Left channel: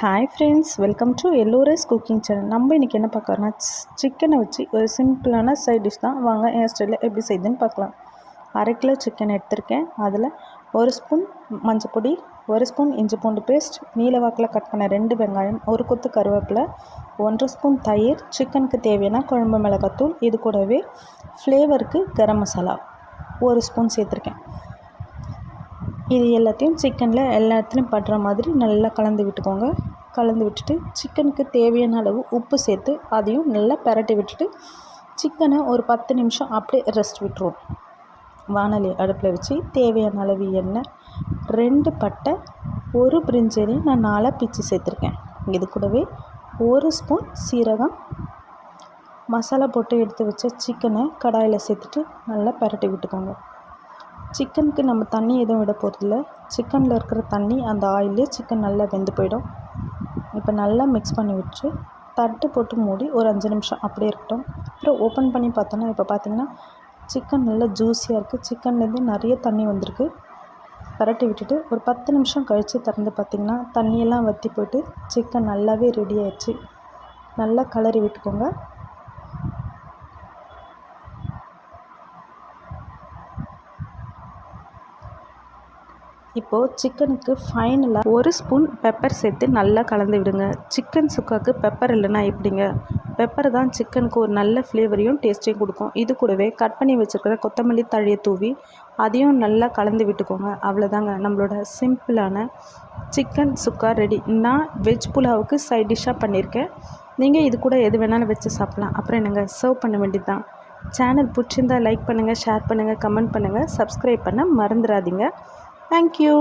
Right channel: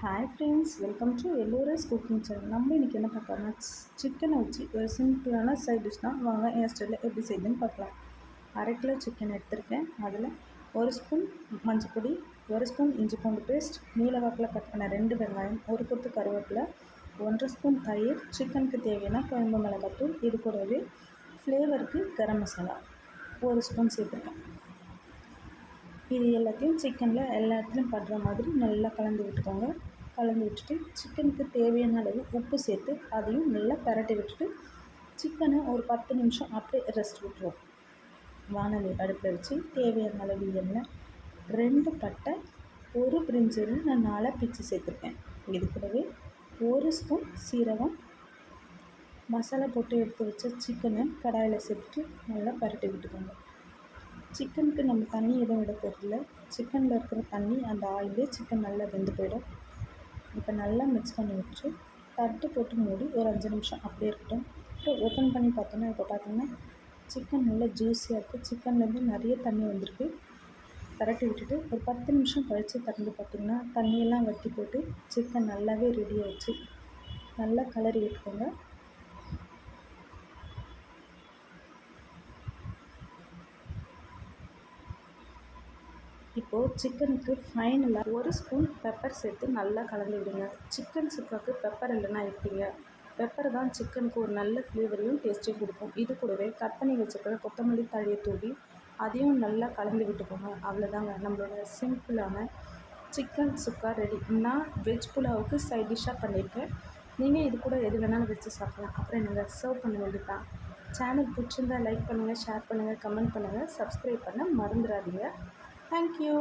Hi friends, welcome to Ellora's cooking channel. நம்ம இன்றைக்கி என்ன பார்க்கறோன்னா சிக்கனை வச்சு ஒரு சிம்பிளான சைட் டிஷ் தான். வாங்க என் ஸ்டைலில் எப்படி செய்யுதுன்னு பார்க்கலாம். 1/2 கிலோ சிக்கன் எடுத்திருக்கேன். அதில் 1 ஸ்பூன் மஞ்சள் பொடி, 1 ஸ்பூன் இஞ்சி பூண்டு பேஸ்ட், நீல வாக்கில் கட் பண்ண 2 வெங்காயம், 1 கொத்து கருவேப்பிலை, 1/2 ஸ்பூன் தயிர், சிக்கனுக்கு தேவையான குழம்பு மிளகாத்தூள், இது கூடவே ஃப்ளேவருக்கு கரம் மசாலா 1 ஸ்பூன் சேர்த்துருக்கேன். இது எல்லாத்தையும் சிக்கனில் எல்லா இடத்துலையும் படுற மாதிரி நல்லா கலந்து விட்டுக்கோங்க. கலந்து விட்டுட்டு சிக்கனுக்கு தேவையான அளவு உப்பு சேர்த்து அதையும் நல்லா பிரட்டி விட்டுட்டு சிக்கனை ஒரு 10 நிமிஷம் அப்படியே ரெஸ்ட் விட்டுருவோம். வானொலி அடுப்பில் வச்சு தேவையான அளவு எண்ணெய், 2 பட்டை, 1 பிரிஞ்சி இலை நான் 4 பிச்சு சேர்த்துருக்கேன். இது கூடவே 1 ஸ்பூன் சீரகம், மசாலா போட்டு எடுத்து வச்ச சிக்கனை கடாயில் சேர்த்துட்டு நல்லா பிரட்டி விட்டுக்கோங்க. சிக்கனுக்கு நம்ம தண்ணி எதுவும் விட போகிறதில்ல. சிக்கனில் இருக்கிற தண்ணி அந்த ஆயிலே சிக்கன் நல்லா வெந்து போயிடும். இப்போ நல்லா மிக்ஸ் பண்ணி விட்டு தட்டு போட்டு மூடி ஒரு 5 நிமிஷம் அப்படியே இருக்கட்டும். அப்புறம் ஓப்பன் பண்ணி பார்த்தோன்னா இப்போ பார்த்திங்கன்னா சிக்கன் நல்லா ஜூஸியாக இருக்குது. சிக்கன்லேருந்து நிறைய தண்ணி வந்திருக்கு. பரட்டி விட்டுட்டு ஒரு 10 நிமிஷம் கழித்து திறந்து பார்த்திங்கன்னா தண்ணியெல்லாம் வற்றி போய்ட்டு சிக்கன் நல்லாவே ரெடி ஆயிடுச்சு. நல்லா கலரி விட்டுக்கோங்க. இப்போது சிக்கனுக்கு ஃபைனலாக 1 ஸ்பூன் பெப்பர் சேர்த்து நல்லா கலந்து விடுங்க. சிக்கன் சுக்காவுக்கு பெப்பர் இல்லைன்னா எப்படிங்க? பெப்பர் தான் சிக்கனுக்கு ஒரு நல்ல ஃப்ளேவரையும் டேஸ்ட்டையும் கொடுக்கும். இது கூடவே கட் பண்ணி வச்சுருக்கிற கொத்தமல்லி தழையை தூவி அதையும் நல்லா கலந்து விட்டுக்கோங்க. அவ்வளோதாங்க, நம்மளோட சிம்பிளான சிக்கன் சுக்கா ரெடி. நான் வெஜ் புலாவுக்கு சைட் டிஷ்ஷாக பண்ணியிருக்கேன். நீங்கள் இது கூட எது வேணாலும் வச்சு சாப்பிட்லாம். அப்புறம் என்னங்க, சர்வ் பண்ண வேண்டியது தான். சேனல் பிடிச்சிருந்தால் லைக் பண்ணுங்கள், ஷேர் பண்ணுங்கள், கமெண்ட் பண்ணுங்கள், சப்ஸ்கிரைப் பண்ண மறந்துடாதீங்க. Thank you.